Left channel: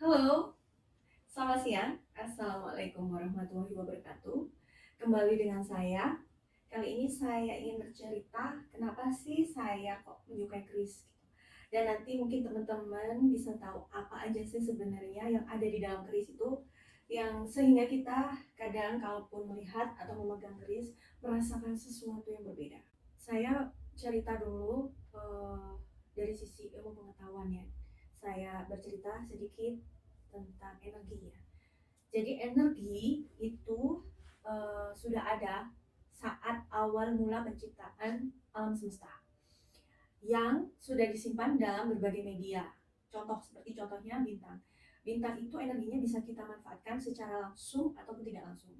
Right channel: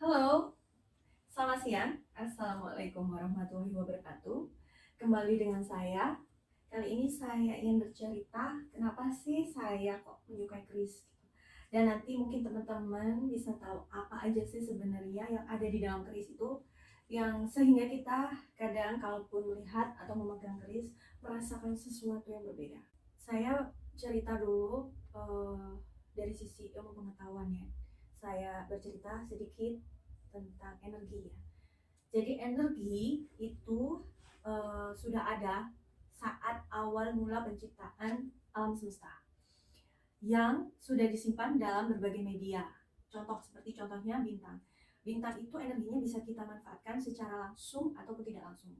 Halo, selamat siang. Assalamualaikum warahmatullahi wabarakatuh. Kembali dengan saya. Kali ini saya ingin bercerita kenapa sih saya kok menyukai keris gitu. Dan nanti mungkin teman-teman bisa tahu apa aja sih sebenarnya yang ada di dalam keris itu yang sehingga kita kadang kalaupun melihat atau memegang keris merasakan sesuatu yang berbeda. Saya cerita dulu dari sisi ilmu pengetahuan ya. Saya bercerita sedikit tentang energi ya. Jadi energi itu sudah ada saat awal mula penciptaan alam semesta yang sudah disimpan dalam berbagai media. Contohnya bintang. Bintang itu energinya bisa kita manfaatkan secara langsung ataupun tidak langsung.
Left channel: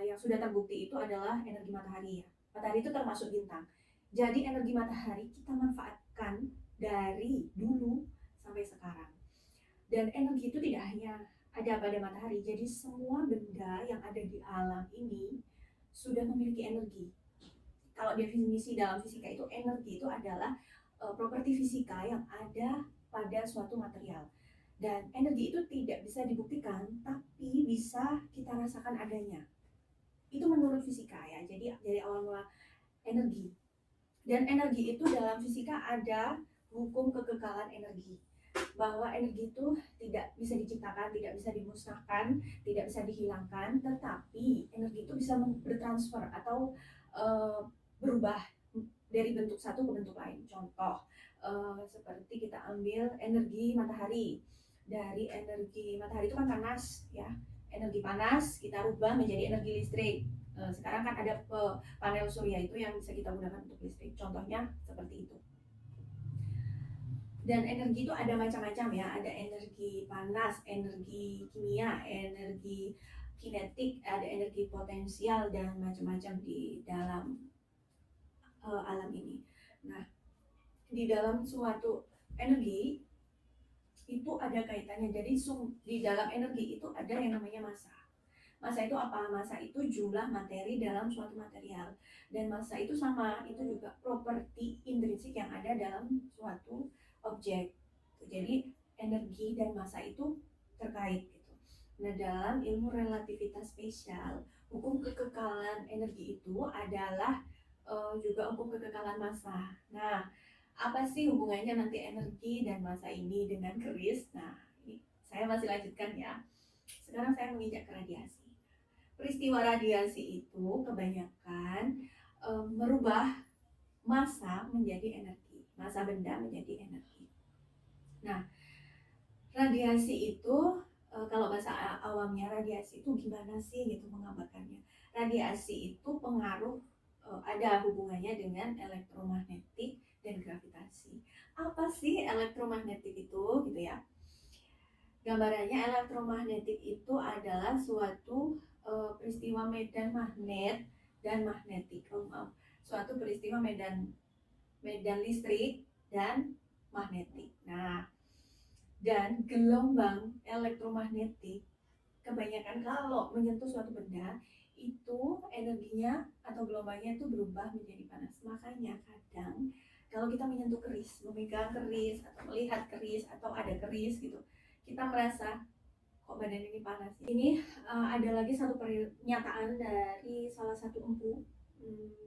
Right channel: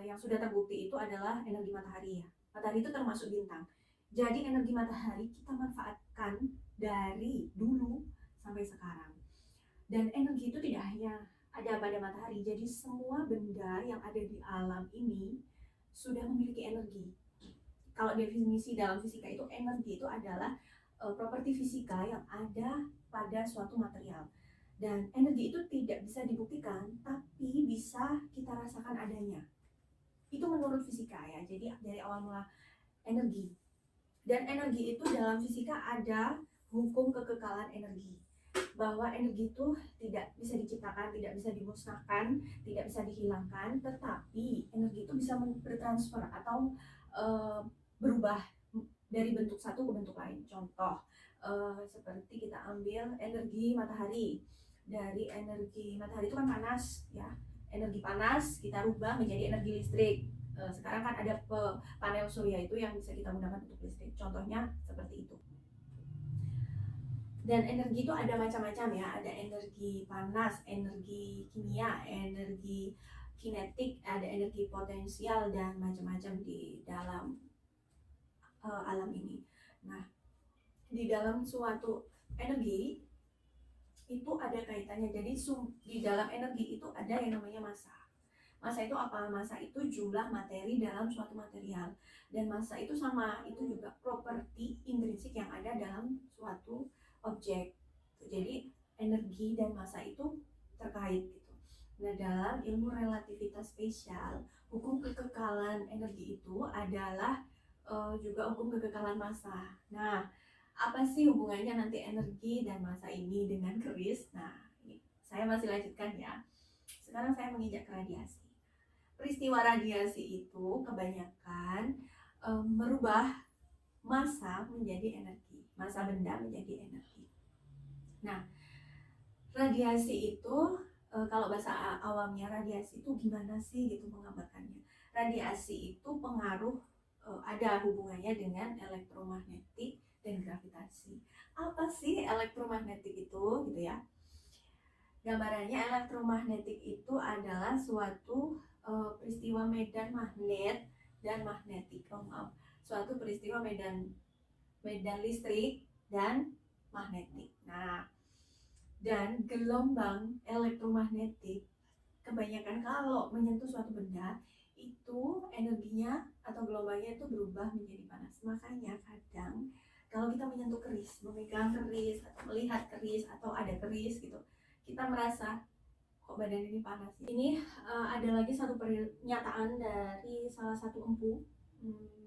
Yang sudah terbukti itu adalah energi matahari ya. Matahari itu termasuk bintang. Jadi energi matahari kita manfaatkan dari dulu sampai sekarang. Dan energi itu tidak hanya ada pada matahari, jadi semua benda yang ada di alam ini sudah memiliki energi. Kalau definisi dalam fisika itu, energi itu adalah properti fisika yang ada pada suatu material. Dan energi itu tidak bisa dibuktikan, tapi bisa kita rasakan adanya. Itu menurut fisika ya, jadi dari awal mula energi. Dan energi itu dalam fisika ada hukum kekekalan energi, bahwa energi itu tidak bisa diciptakan, tidak bisa dimusnahkan, tidak bisa dihilangkan, tetapi energi itu bisa bertransfer atau berubah dari bentuk satu ke bentuk lain. Contoh seperti kita ambil energi matahari. Dari energi matahari itu kan panas ya, energi panas kita ubah menjadi energi listrik. Sekarang kan ada panel surya itu yang bisa kita gunakan untuk listrik. Contohnya seperti itu. Dan energi itu ada macam-macam ya, ada energi panas, energi kimia, energi kinetik, ada energi potensial dan macam-macam di dalam alam ini. Nah, di dalam suatu energi itu ada kaitannya. Jadi di dalam energi itu ada yang namanya massa. Massa itu apa? Massa itu jumlah materi dalam suatu material. Dan massa itu sama, itu juga properti intrinsik yang ada dalam suatu objek. Jadi energi dan massa itu terkait gitu. Nah, dalam ilmu relativitas spesial, hukum kekekalan energi itu adalah juga hukum kekekalan massa. Nah, apa sih hubungannya nanti energi dan massa ini dengan keris? Nah, ini saya masih lanjutkan ya. Sekarang saya menginjak ke radiasi. Peristiwa radiasi itu kebanyakan merubah massa menjadi energi, massa benda menjadi energi. Nah, radiasi itu kalau bahasa awamnya radiasi itu gimana sih gitu menggambarkannya. Radiasi itu pengaruh ada hubungannya dengan elektromagnetik dan gravitasi. Apa sih elektromagnetik itu gitu ya? Gambarannya elektromagnetik itu adalah suatu peristiwa medan magnet dan magnetik. Suatu peristiwa medan listrik dan magnetik. Nah, dan gelombang elektromagnetik kebanyakan kalau menyentuh suatu benda itu energinya atau gelombangnya itu berubah menjadi panas. Makanya kadang kalau kita menyentuh keris, memegang keris atau melihat keris atau ada keris gitu, kita merasa kok badan ini panas. Ini ada lagi satu pernyataan dari salah satu empu.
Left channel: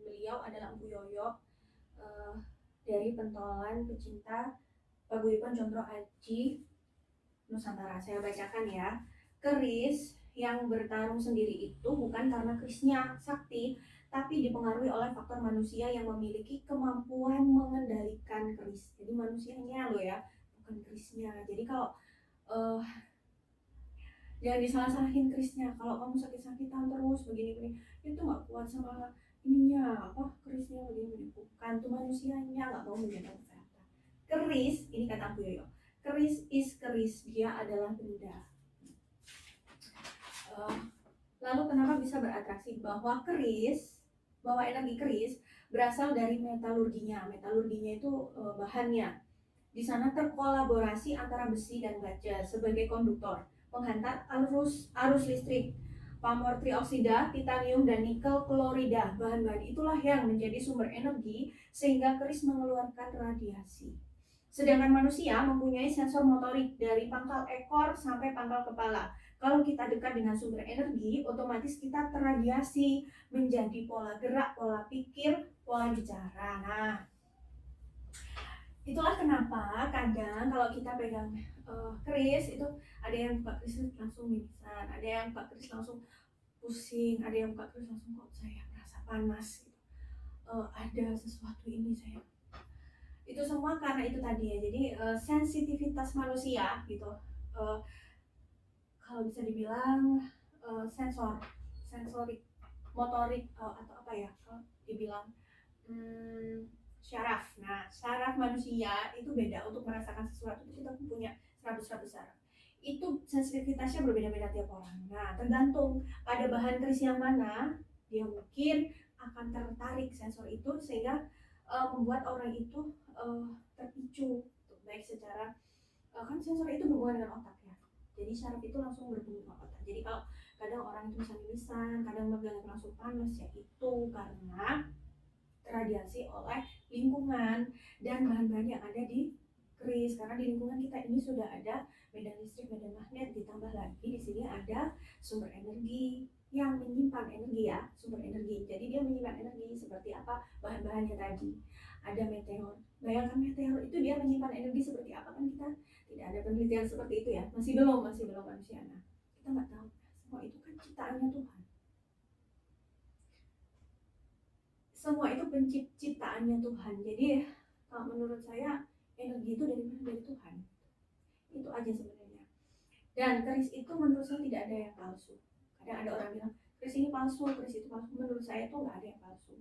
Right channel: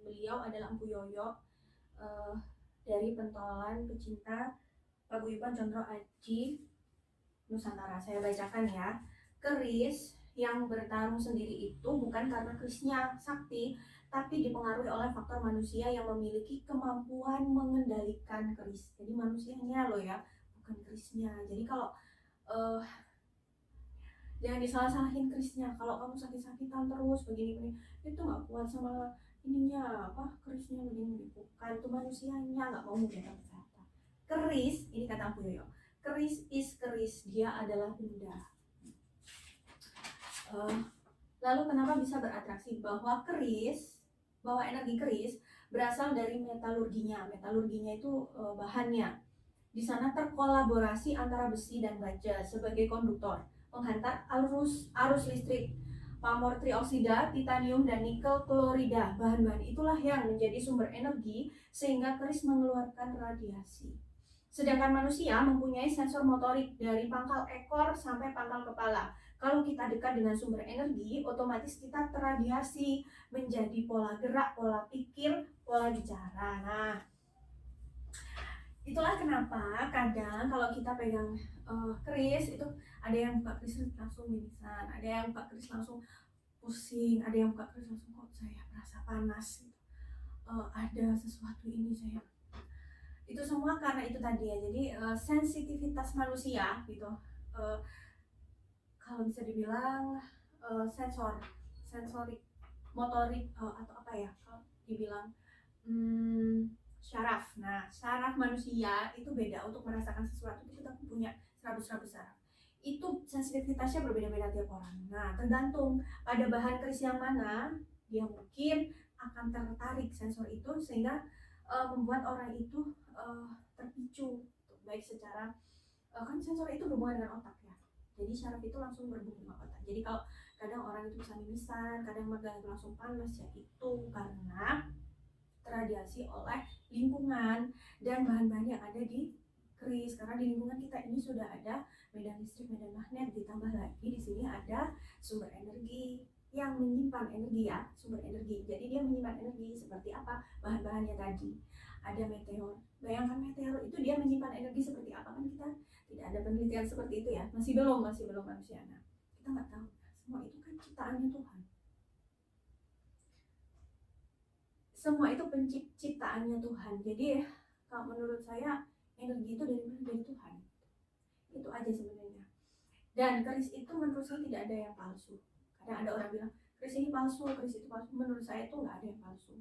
Beliau adalah Empu Yoyo dari pentolan pecinta Paguyuban Condro Aji Nusantara. Saya bacakan ya. Keris yang bertarung sendiri itu bukan karena kerisnya sakti, tapi dipengaruhi oleh faktor manusia yang memiliki kemampuan mengendalikan keris. Jadi manusianya loh ya, bukan kerisnya. Jadi kalau jangan disalah-salahin kerisnya. Kalau kamu sakit-sakitan terus begini-begini, itu nggak kuat sama ininya apa kerisnya begini-begini. Bukan tuh manusianya nggak mau menjaga kesehatan. Keris, ini kata Bu Yoyo, keris is keris, dia adalah benda. Lalu kenapa bisa beratraksi? Bahwa energi keris berasal dari metalurginya. Metalurginya itu bahannya. Di sana terkolaborasi antara besi dan baja sebagai konduktor, penghantar arus listrik. Pamor trioksida, titanium, dan nikel klorida. Bahan-bahan itulah yang menjadi sumber energi sehingga keris mengeluarkan radiasi. Sedangkan manusia mempunyai sensor motorik dari pangkal ekor sampai pangkal kepala. Kalau kita dekat dengan sumber energi, otomatis kita terradiasi menjadi pola gerak, pola pikir, pola bicara. Nah, itulah kenapa kadang kalau kita pegang keris itu ada yang buka keris langsung mimisan, ada yang buka keris langsung pusing, ada yang buka keris langsung kok saya merasa panas gitu. Ada sesuatu ini saya. Itu semua karena itu tadi ya. Jadi sensitivitas manusia gitu. Kalau bisa dibilang sensorik, motorik atau apa ya? Kalau dibilang syaraf. Nah, syaraf manusia itu beda untuk merasakan sesuatu. Kita punya 100 syaraf. Itu sensitivitasnya berbeda-beda tiap orang. Nah, tergantung pada bahan keris yang mana, dia mungkin akan tertarik sensor itu sehingga membuat orang itu terpicu, baik secara kan sensor itu berhubungan dengan otak ya. Jadi syaraf itu langsung berhubungan dengan otak. Jadi kalau kadang orang itu bisa mimisan, kadang megang langsung panas, ya itu karena terradiasi oleh lingkungan dan bahan-bahan yang ada di keris. Karena di lingkungan kita ini sudah ada medan listrik, medan magnet, ditambah lagi di sini ada sumber energi yang menyimpan energi ya, sumber energi. Jadi dia menyimpan energi seperti apa bahan-bahannya tadi. Ada meteor. Bayangkan meteor itu dia menyimpan energi seperti apa, kan kita tidak ada penelitian seperti itu ya. Masih belum manusia. Nah, kita nggak tahu. Semua itu kan ciptaannya Tuhan. Semua itu penciptaannya Tuhan. Jadi kalau menurut saya energi itu dari mana? Dari Tuhan. Itu aja sebenarnya. Dan keris itu menurut saya tidak ada yang palsu. Kadang ada orang bilang keris ini palsu, keris itu palsu. Menurut saya itu nggak ada yang palsu.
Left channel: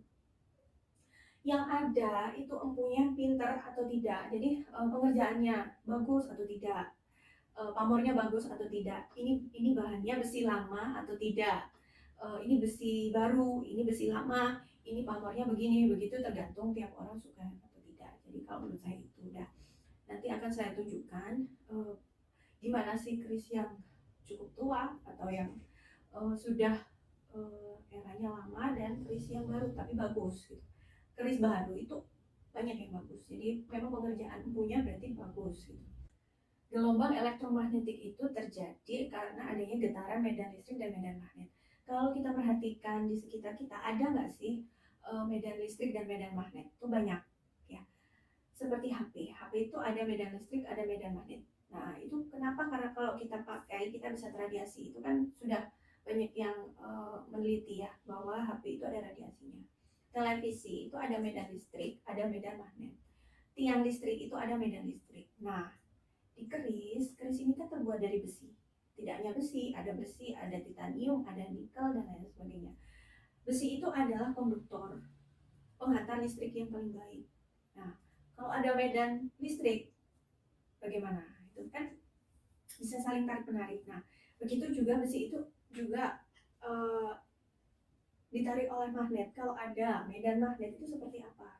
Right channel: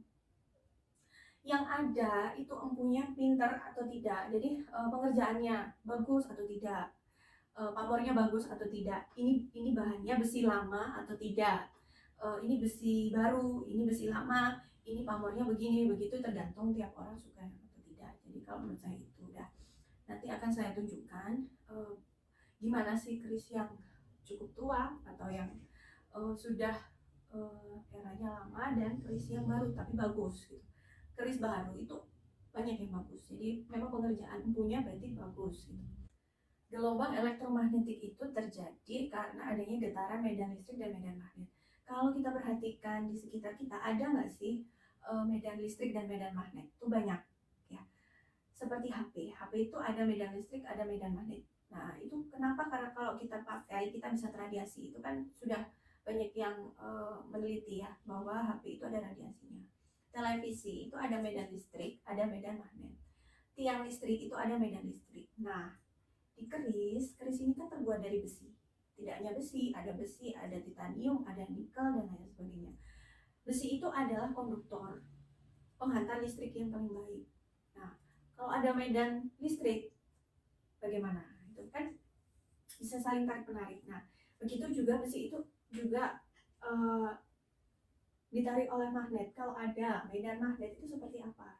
Yang ada itu empunya pinter atau tidak. Jadi pengerjaannya bagus atau tidak, pamornya bagus atau tidak. Ini bahannya besi lama atau tidak. Ini besi baru, ini besi lama, ini pamornya begini begitu, tergantung tiap orang suka atau tidak. Jadi kalau menurut saya itu udah, nanti akan saya tunjukkan gimana sih keris yang cukup tua atau yang sudah eranya lama, dan keris yang baru tapi bagus gitu. Keris baru itu banyak yang bagus, jadi memang pengerjaan empunya berarti bagus gitu. Gelombang elektromagnetik itu terjadi karena adanya getaran medan listrik dan medan magnet. Kalau kita perhatikan di sekitar kita, ada nggak sih medan listrik dan medan magnet? Itu banyak ya. Seperti HP itu ada medan listrik, ada medan magnet. Nah itu kenapa? Karena kalau kita pakai kita bisa terradiasi. Itu kan sudah banyak yang meneliti ya bahwa HP itu ada radiasinya. Televisi itu ada medan listrik, ada medan magnet. Tiang listrik itu ada medan listrik. Nah, di keris ini kan terbuat dari besi. Tidak hanya besi, ada titanium, ada nikel, dan lain sebagainya. Besi itu adalah konduktor, penghantar listrik yang paling baik. Nah, kalau ada medan listrik, bagaimana? Itu kan bisa saling tarik-menarik. Nah, begitu juga besi itu juga ditarik oleh magnet. Kalau ada medan magnet itu seperti apa?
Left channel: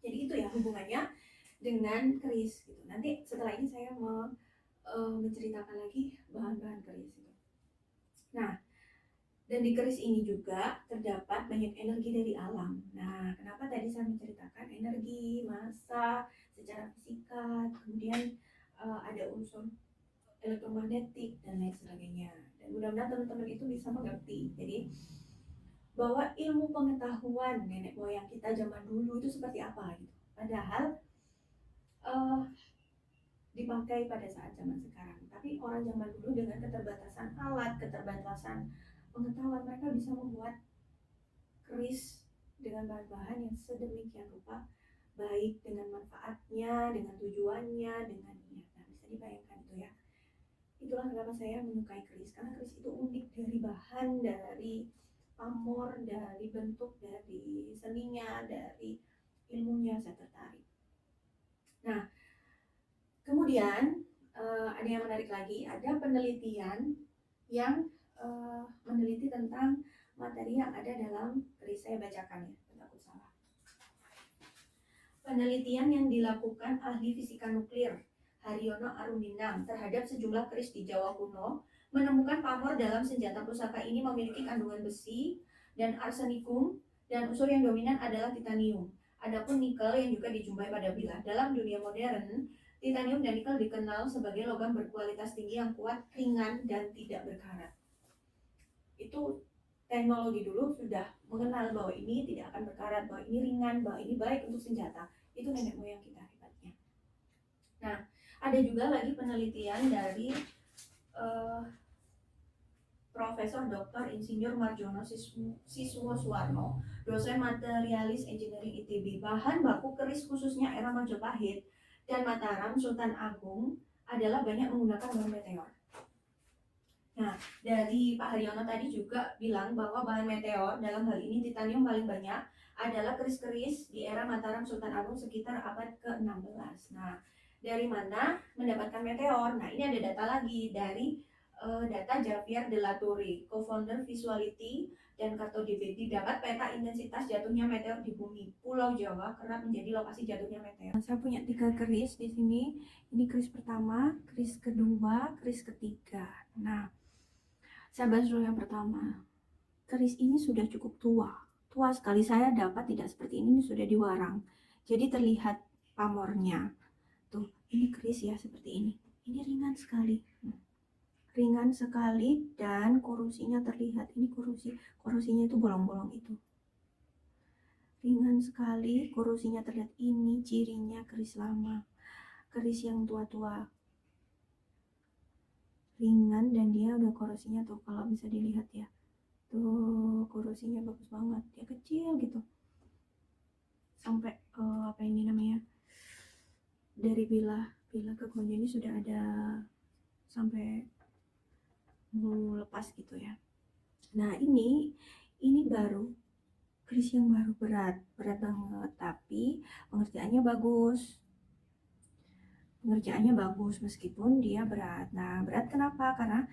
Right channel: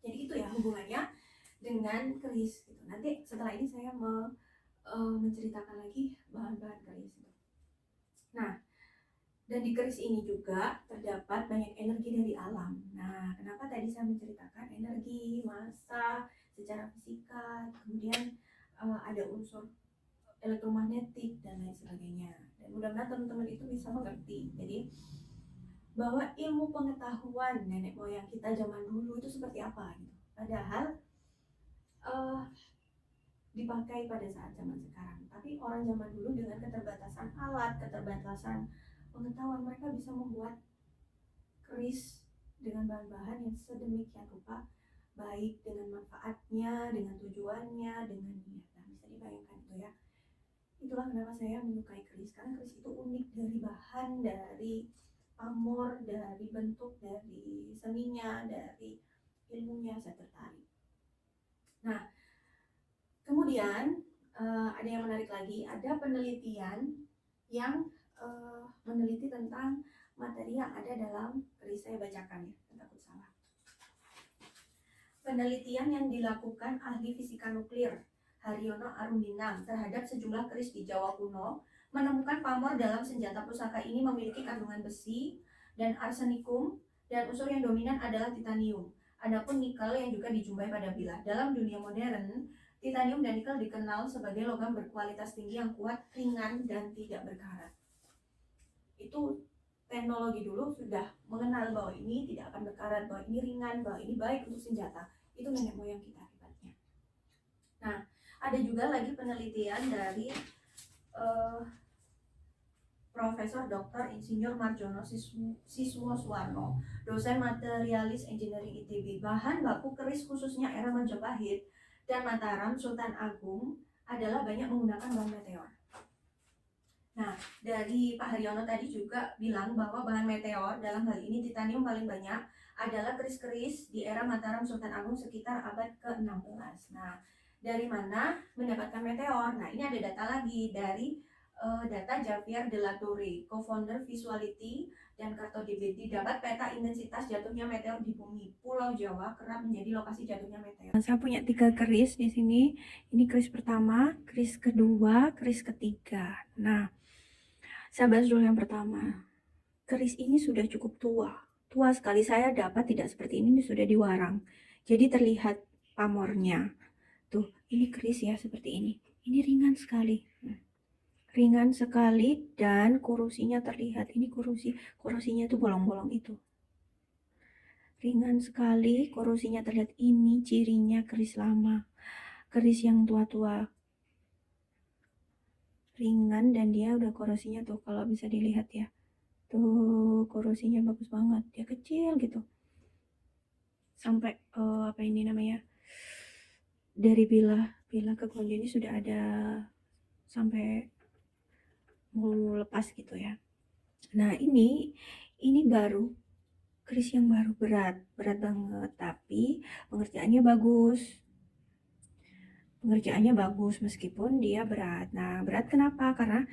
Jadi itu ya hubungannya dengan keris gitu. Nanti setelah ini saya mau menceritakan lagi bahan-bahan keris itu. Nah, dan di keris ini juga terdapat banyak energi dari alam. Nah, kenapa tadi saya menceritakan energi, massa, secara fisika, kemudian ada unsur elektromagnetik dan lain sebagainya. Dan mudah-mudahan teman-teman itu bisa mengerti. Jadi bahwa ilmu pengetahuan nenek moyang kita zaman dulu itu seperti apa gitu. Padahal dipakai pada saat zaman sekarang. Tapi orang zaman dulu dengan keterbatasan alat, keterbatasan pengetahuan, mereka bisa membuat keris dengan bahan-bahan yang sedemikian rupa, baik dengan manfaatnya, dengan tujuannya, dengan niat. Nah, bisa dibayangkan itu ya. Itulah kenapa saya menyukai keris, karena keris itu unik dari bahan, dari pamor, dari bentuk, dari seninya, dari ilmunya, saya tertarik. Nah, kemudian ada yang menarik lagi, ada penelitian yang meneliti tentang materi yang ada dalam keris. Saya bacakan ya, takut salah. Penelitian yang dilakukan ahli fisika nuklir Haryono Arumindang terhadap sejumlah keris di Jawa kuno menemukan pamor dalam senjata pusaka ini memiliki kandungan besi dan arsenikum, dan unsur yang dominan adalah titanium. Adapun nikel yang juga dijumpai pada bilah. Dalam dunia modern, titanium dan nikel dikenal sebagai logam berkualitas tinggi yang kuat, ringan, dan tidak berkarat. Itu teknologi dulu sudah mengenal bahwa ini tidak akan berkarat, bahwa ini ringan, bahwa ini baik untuk senjata. Itu nenek moyang kita hebatnya. Nah, ada juga lagi penelitian dari Profesor Dr. Insinyur Marjono Siswosuwarno, dosen materialis engineering ITB. Bahan baku keris khususnya era Majapahit dan Mataram Sultan Agung adalah banyak menggunakan bahan meteor. Nah, dari Pak Haryono tadi juga bilang bahwa bahan meteor, dalam hal ini titanium paling banyak, adalah keris-keris di era Mataram Sultan Agung sekitar abad ke-16. Nah, dari mana mendapatkan meteor? Nah, ini ada data lagi dari data Javier de la Torre, co-founder Visuality dan Cartodivide. Didapat peta intensitas jatuhnya meteor di bumi. Pulau Jawa kerap menjadi lokasi jatuhnya meteor. Saya punya 3 keris di sini. Ini keris pertama, keris kedua, keris ketiga. Nah, saya bahas dulu yang pertama. Keris ini sudah cukup tua. Tua sekali. Saya dapat tidak seperti ini sudah diwarang. Jadi terlihat pamornya. Tuh, ini keris ya seperti ini. Ini ringan sekali. Ringan sekali dan korosinya terlihat. Ini korosinya tuh bolong-bolong itu. Ringan sekali, korosinya terlihat. Ini cirinya keris lama. Keris yang tua-tua. Ringan dan dia udah korosinya tuh kalau bisa dilihat ya. Tuh korosinya bagus banget. Dia kecil gitu. Sampai apa ini namanya? Dari bilah ke konde ini sudah ada sampai mau lepas gitu ya. Nah, ini baru keris yang baru, berat banget, tapi pengerjaannya bagus meskipun dia berat. Nah, berat kenapa? Karena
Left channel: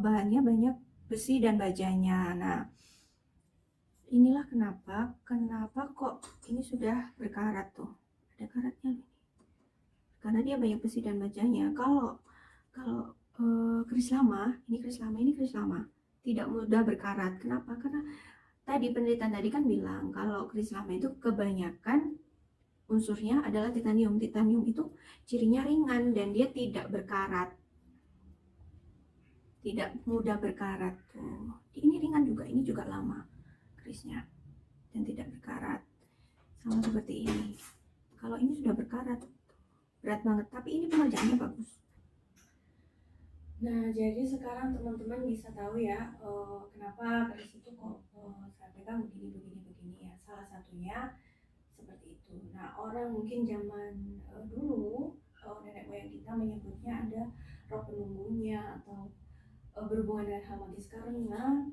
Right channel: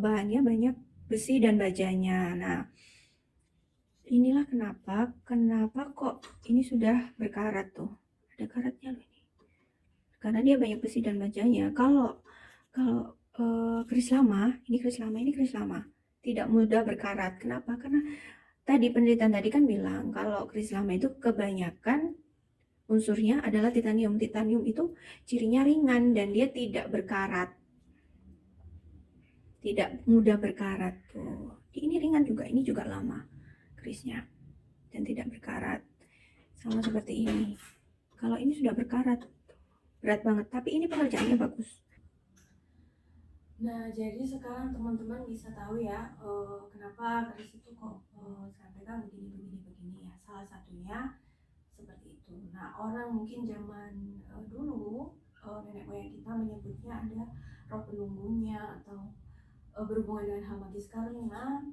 bahannya banyak besi dan bajanya. Nah, inilah kenapa kok ini sudah berkarat tuh. Ada karatnya loh ini. Karena dia banyak besi dan bajanya. Kalau keris lama, ini keris lama. Tidak mudah berkarat. Kenapa? Karena tadi penelitian tadi kan bilang kalau keris lama itu kebanyakan unsurnya adalah titanium. Titanium itu cirinya ringan dan dia tidak berkarat. Tidak mudah berkarat tuh. Ini ringan juga, ini juga lama kerisnya dan tidak berkarat. Sama seperti ini. Kalau ini sudah berkarat, berat banget, tapi ini pengerjaannya bagus. Nah, jadi sekarang teman-teman bisa tahu ya kenapa keris itu kok saya pegang begini ya. Salah satunya seperti itu. Nah, orang mungkin zaman dulu nenek moyang kita menyebutnya ada roh penunggunya atau berhubungan dengan hal magis, karena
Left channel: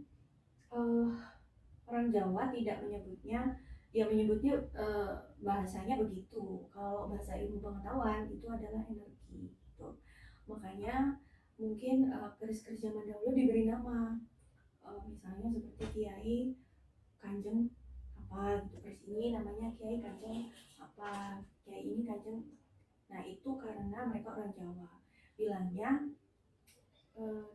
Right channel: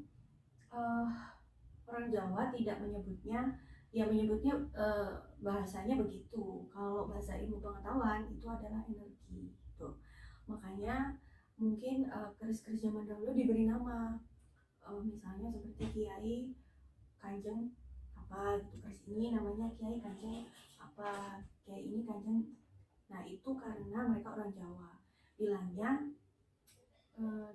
orang Jawa tidak menyebutnya, ya menyebutnya bahasanya begitu. Kalau bahasa ilmu pengetahuan itu adalah energi gitu. Makanya mungkin keris-keris zaman dahulu diberi nama, misalnya seperti Kiai Kanjeng apa gitu, keris ini namanya Kiai Kanjeng apa, Kiai ini Kanjeng. Nah, itu karena mereka orang Jawa bilangnya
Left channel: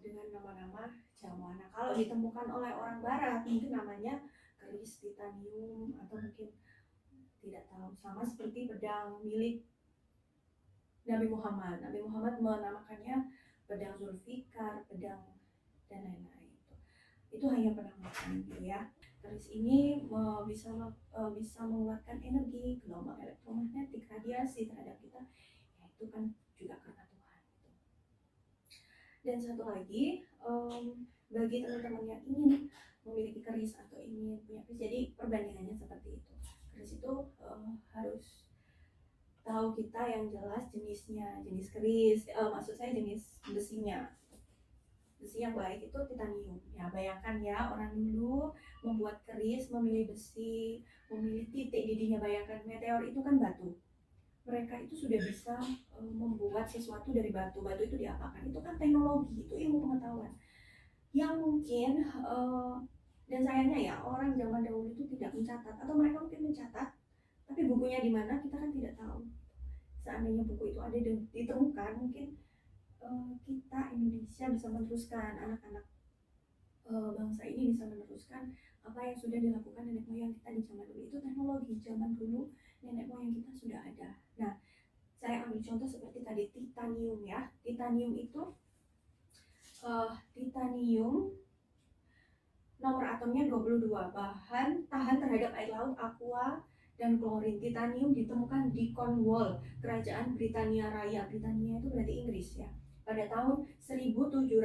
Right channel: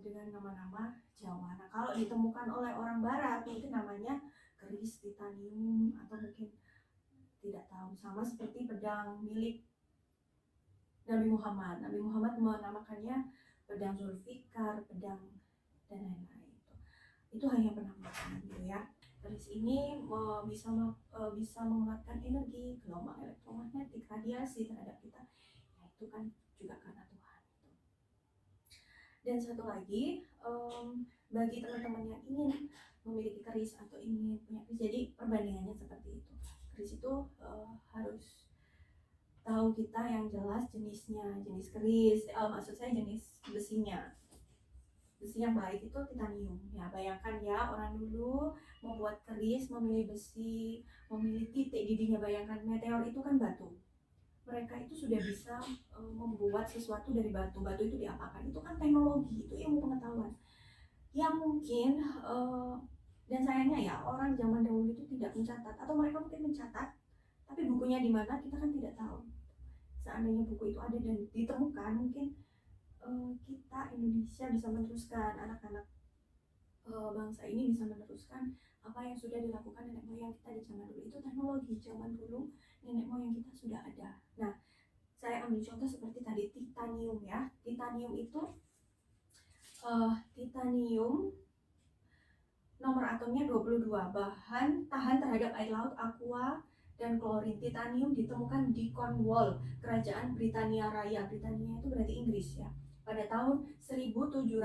dengan nama-nama Jawa. Nah, kalau ditemukan oleh orang Barat mungkin namanya keris titanium atau mungkin tidak tahu. Sama seperti pedang milik Nabi Muhammad. Nabi Muhammad menamakannya pedang Zulfikar, pedang dan lain-lain. Itu hanya penamaan gitu ya. Keris ini bisa mengeluarkan energi, gelombang elektromagnetik, radiasi terhadap kita. Ya, itu kan juga karena Tuhan. Dan satu lagi, bagi teman-teman yang ingin memiliki keris atau ingin punya keris, jadi perbandingannya seperti itu. Keris itu harus tahu kita yang jelas jenisnya, jenis keris, maksud saya jenis besinya. Besi yang baik itu titanium. Ya, bayangkan ya, orang dulu membuat keris memilih besi, memilih titik didihnya. Bayangkan meteor itu kan batu. Mereka itu sudah bisa membuat sesuatu dari batu. Batu itu diapakan? Itu kan teknologi, itu ilmu pengetahuan. Yang mungkin dan sayangnya ya, orang zaman dahulu itu tidak mencatat, atau mereka mungkin mencatat, tapi bukunya di mana kita kan tidak tahu. Seandainya buku itu ada dan ditemukan, mungkin kita Indonesia bisa meneruskan, anak-anak bangsa ini bisa meneruskan apa yang sudah dilakukan nenek moyang kita di zaman dulu. Itu teknologi zaman dulu, nenek moyang kita sudah ada. Nah, saya ambil contoh seperti tadi titanium ya. Titanium itu titanium nomor atomnya 22, bahan tahan terhadap air laut, aqua, dan klorin. Titanium ditemukan di Cornwall, Kerajaan Britania Raya. Britania itu berarti Inggris ya. Pada tahun 1791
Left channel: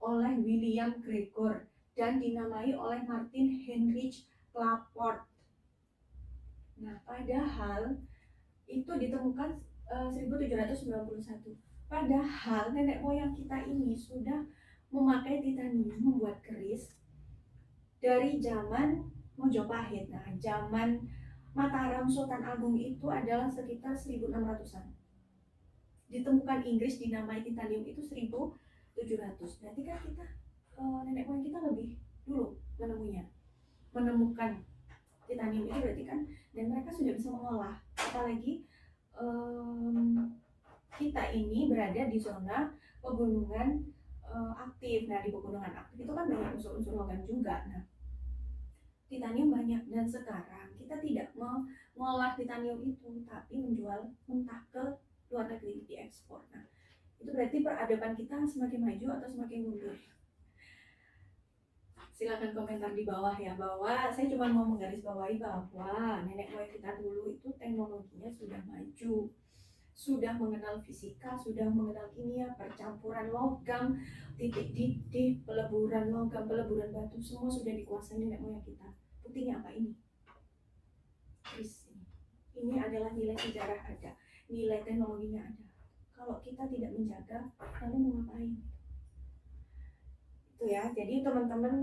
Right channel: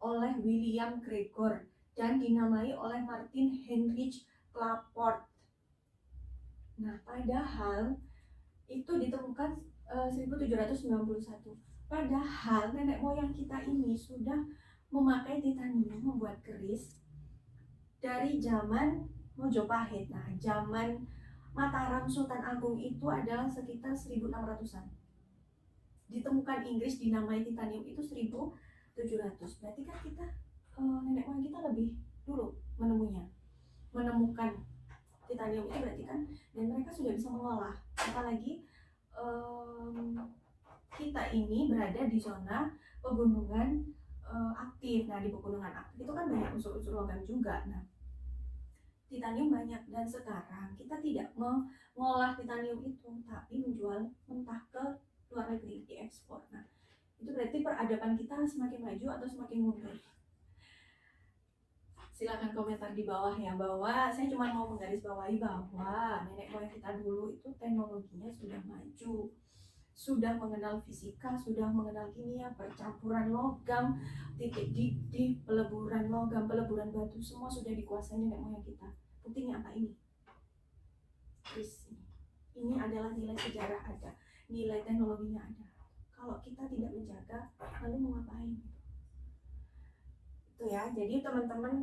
oleh William Gregor dan dinamai oleh Martin Heinrich Claport. Nah, padahal itu ditemukan 1791. Padahal nenek moyang kita ini sudah memakai titanium membuat keris dari zaman Mojopahit. Nah, zaman Mataram Sultan Agung itu adalah sekitar 1600-an. Ditemukan Inggris dinamai titanium itu 1700. Berarti kan kita nenek moyang kita lebih dulu menemukan titanium itu, berarti kan, dan mereka sudah bisa mengolah. Apalagi kita ini berada di zona pegunungan aktif. Nah, di pegunungan aktif itu kan banyak unsur-unsur logam juga. Nah, titanium banyak, dan sekarang kita tidak mengolah titanium itu, tapi menjual mentah ke luar negeri, diekspor. Nah, itu berarti peradaban kita semakin maju atau semakin mundur? Silakan komentar di bawah ya, bahwa saya cuma mau menggarisbawahi bahwa nenek moyang kita dulu itu teknologinya sudah maju, sudah mengenal fisika, sudah mengenal kimia, percampuran logam, titik didih, peleburan logam, peleburan batu, semua sudah dikuasai nenek moyang kita. Buktinya apa ini? Kris ini. Ini adalah nilai sejarah ada, nilai teknologinya ada. Kalau kita tidak menjaga, lalu mau ngapain? Itu ya. Jadi teman-teman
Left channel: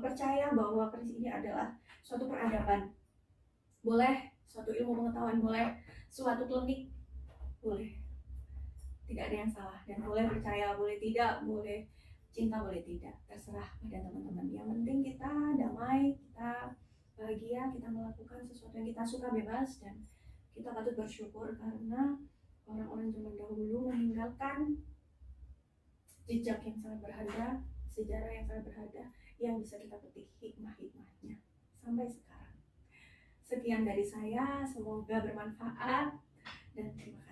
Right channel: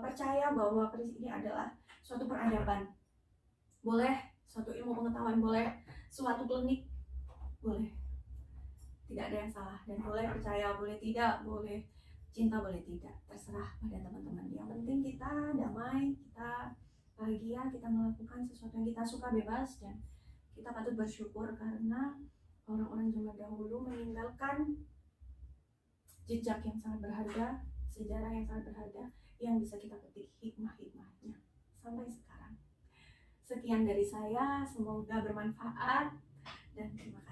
percaya bahwa keris ini adalah suatu peradaban. Boleh suatu ilmu pengetahuan, boleh suatu klinik, boleh. Tidak ada yang salah, dan boleh percaya, boleh tidak, boleh cinta, boleh tidak, terserah pada teman-teman. Yang penting kita damai, kita bahagia, kita melakukan sesuatu yang kita suka, bebas, dan kita patut bersyukur karena orang-orang zaman dahulu meninggalkan jejak yang sangat berharga, sejarah yang sangat berharga, yang bisa kita petik hikmah-hikmahnya sampai sekarang. Sekian dari saya, semoga bermanfaat, dan terima kasih.